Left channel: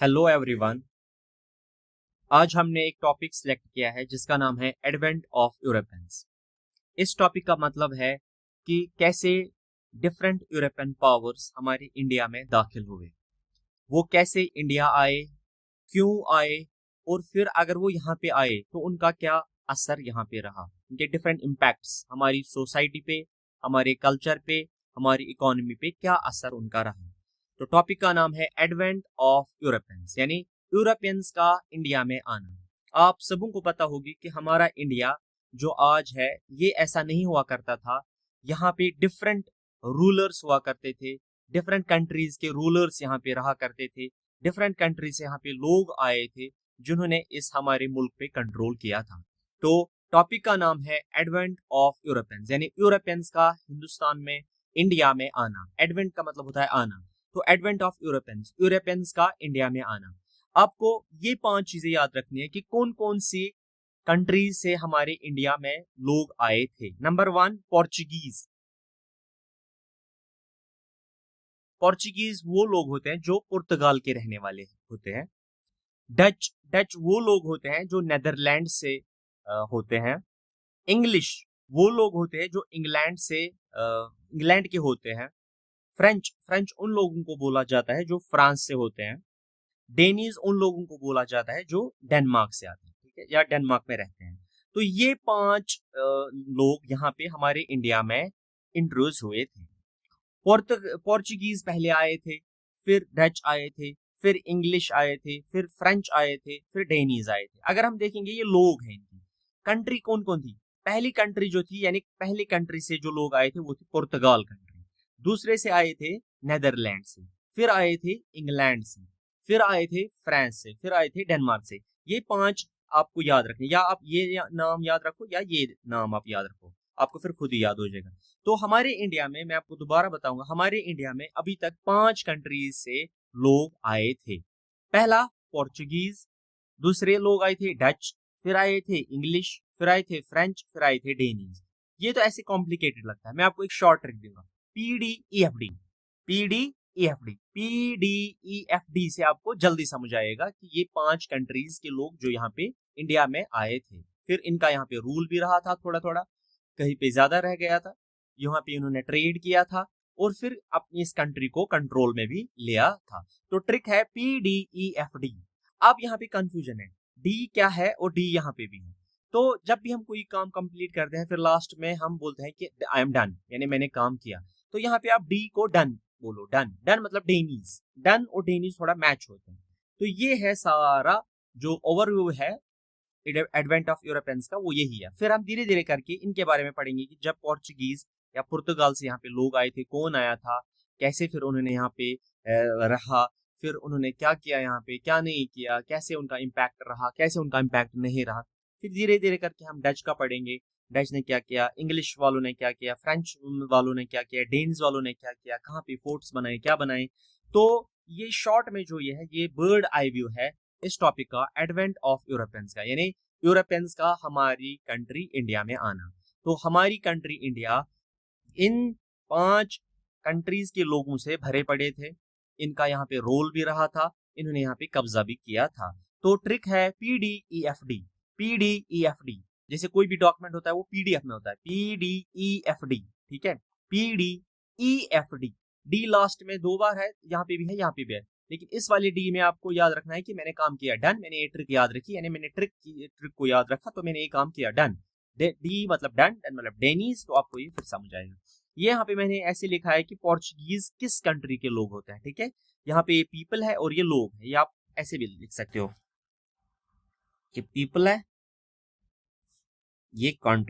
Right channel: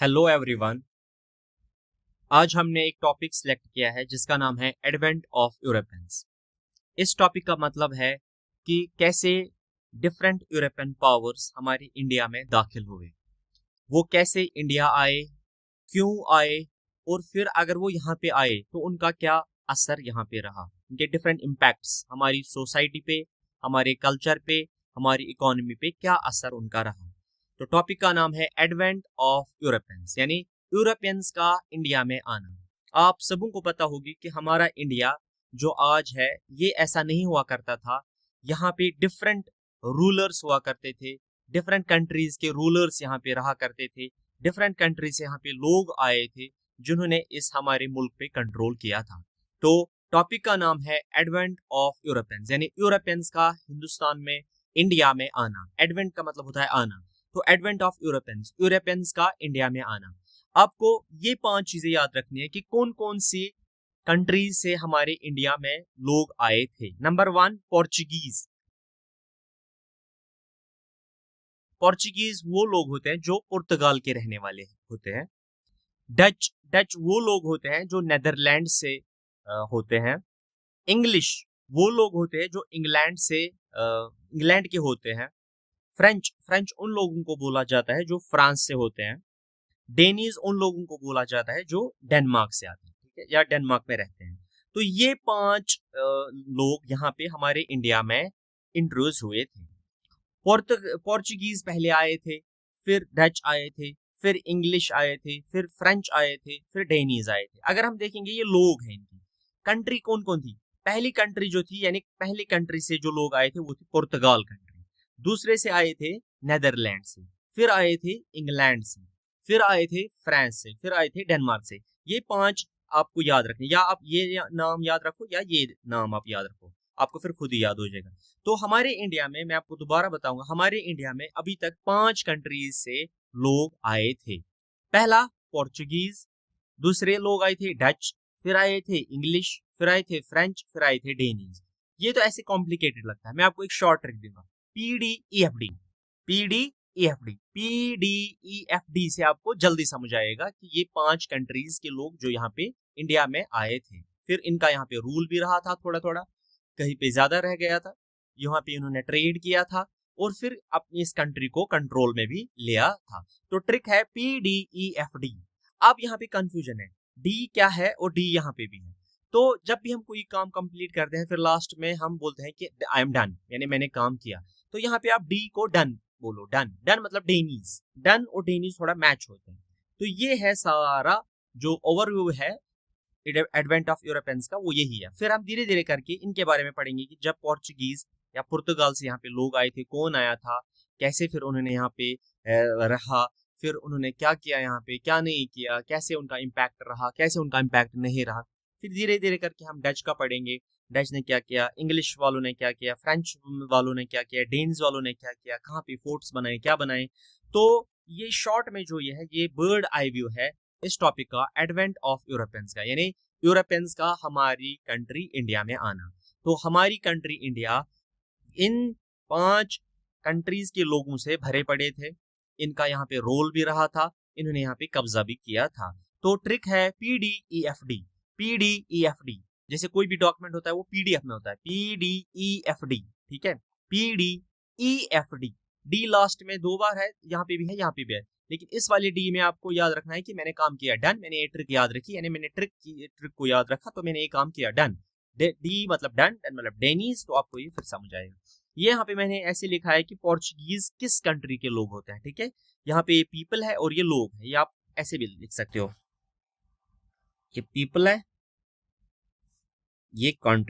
Hello everyone. आज हमने एक टॉपिक सिलेक्ट किया है जिसका नाम है एडवेंट ऑफ यूरोपियंस। इस टॉपिक का मतलब है कि कैसे डिफरेंट यूरोपियन पावर्स हमारे इंडिया में दाखिल हुए, वो कैसे इंडिया आए, क्यों आए, और फिर अगर वो यहाँ पे आए तो उनका क्या असर यहाँ पे रहा, उनके डिफरेंट इम्पैक्ट्स हमारी सोसाइटी पे, हमारे कल्चर पे, हमारी इकोनॉमी पे क्या असर उनका रहा। तो टॉपिक का नाम है एडवेंट ऑफ यूरोपियंस, यानी यूरोपियंस का इंडिया में आना। आप सबों को पता होगी कि हमारा इंडिया जो आज है ये ऐसा नहीं हुआ करता था। यहाँ पे डिफरेंट रूलर्स हुआ करते थे, डिफरेंट कंट्रीज के रूलर्स यहाँ पे रहा करते थे, डिफरेंट कंट्री से यहाँ पे लोग आए थे जिन्होंने इस हमारे मुल्क पे कंट्रोल किया था। तो टॉपिक का नाम है एडवेंट ऑफ यूरोपियंस, यानी यूरोपियंस का हिंदुस्तान में, इंडिया में आना। एडवेंट का मतलब होता है आना, तो एडवेंट ऑफ यूरोपियंस, यूरोपियंस का इंडिया में आना। आपको ये 5 चीजें याद रखनी है कि कौन कौन सी कंट्रीज से हमारे इंडिया में लोग आए थे। Number 1, Portuguese. पोर्चुगीज वो लोग होते हैं जो पुर्तगाल के रहने वाले होते हैं। डच, डच वो लोग होते हैं जो नेदरलैंड से होते हैं। इंग्लिश वो लोग होते हैं जो इंग्लैंड से, इंग्लैंड के होते हैं। फ्रेंच, फ्रेंच उन लोगों को बोला जाता है जो फ्रांस से होते हैं। डेनीज उन लोगों को बोला जाता है जो डेनमार्क से आते हैं, ठीक है, या डेनमार्क में रहते हैं। तो ये 5 लोग यहाँ पे हमारे इंडिया में इंट्रोड्यूस हुए थे। पोर्चुगीज पहले आए थे, फिर डच आए थे, फिर इंग्लिश आए थे, फिर फ्रेंच आए थे, फिर डेनीज आए थे। अगर हम देखेंगे ये लोग हैं, इनकी कंट्री कौन कौन थी। पहली कंट्री जो थी, यानी पहली कंट्री से जो लोग आए थे वो थी पुर्तगाल कंट्री। दूसरे से आए थे नेदरलैंड से, फिर आए थे इंग्लैंड से, फिर आए थे फ्रांस से, फिर आए थे डेनमार्क से। ये 5 आपको याद रखने, या आप ये नाम याद रखो या ये नाम आप याद रखो, आपको फिर खुद ही याद हो जाएगा। तो हमारे इंडिया में, मैं आपको दोबारा बताऊंगा, हमारे इंडिया में अभी तक 5 कंट्रीज से लोग आए थे। पहला पोर्चुगीज, दूसरे लोग आए थे डच, फिर आए थे इंग्लिश, फिर आए थे फ्रेंच, फिर आए थे डेनीज। ये तो ऐसे कॉम्प्लिकेटेड लगता है, मैं आपको एक शॉर्ट ट्रिक दूंगा। PDEFD, PDEFD, PDEFD से आपको जल्दी समझ आएगा कि ये 5 कंट्रीज के लोग जो यहाँ पे इंडिया में आए थे। फिर इनका यहाँ पे रूल भी रहा था, थोड़ा थोड़ा कहीं पे ज्यादा रह गया था, यहाँ पे इन्होंने ट्रेड किया था, और फिर अपनी इस कंट्री को कंट्रोल में भी लिया था। तो ट्रिक है PDEFD। अब यहाँ पे कंफ्यूजन है, डी क्या है और डी यहाँ पे भी है। तो जब भी हम कोई काम कंप्लीट करते हैं फिर लास्ट में हम बोलते हैं कि आई एम डन, यानी मैंने काम किया। तो यहाँ पे आप डी को डन बोलो, डन, डन मतलब डेनीज, डन और डेनीज थोड़ा मैच होते हैं। तो ये है सारा जो ओवरव्यू है एडवेंट ऑफ यूरोपियंस का, वो यही है। फिर हम धीरे धीरे करके इनके बारे में पढ़ेंगे कि जब पोर्चुगीज या पुर्तगाल से यहाँ पे लोग आए थे, कौन आया था, कैसे फिर उन्होंने यहाँ पे रहा, फिर उन्होंने क्या किया यहाँ पे, क्या नहीं किया, कैसे उनका इम्पैक्ट रहा, कैसे उनका इम्पैक्ट नहीं रहा। फिर धीरे धीरे करके हम डच का पढ़ेंगे, डच ने क्या किया, इंग्लिश वालों ने क्या किया, फ्रेंच वालों ने क्या किया, डेन्स वालों ने क्या किया, कहाँ पे फोर्ट्स बनाए, क्या बनाए। तो ये शॉर्ट में जो ये है, ये बर्ड आई व्यू है इस टॉपिक का, एडवेंट ऑफ यूरोपियंस का, यानी यूरोपियंस का हमारी कंट्री इंडिया में आना। तो हमारी कंट्री इंडिया इन 5 कंट्रीज के लोगों से भरे पड़े थे, इनका यहाँ पे रोल भी रहा था, इन्होंने यहाँ पे कब्जा भी किया था। तो ट्रिक है PDEFD, PDEFD। जैसे कोई भी डॉक्यूमेंट होता है वो PDF में होता है, PDEFD, ठीक है, PDEFD। डी लास्ट में 2 बार है, यहाँ पे भी है, यहाँ पे भी है, लेकिन इस वाले डी में आपको याद रखना है कि मैंने काम किया, डन, मैंने ये ट्रिक याद रखी, यानी मैंने ट्रिक को याद रखा तो मैंने ये काम किया, डन। डी मतलब डन, डन मतलब डेनीज, तो आपको ये फिर समझ आएगा। ये यहाँ पे मैंने ऐसे लिखा है कि पोर्चुगीज किस कंट्री के लोग होते हैं, ठीक है। यहाँ पे ये पीपल है और ये लोग है, ये आप ऐसे भी लिख सकते हो, ये पीपल है, ये कंट्री।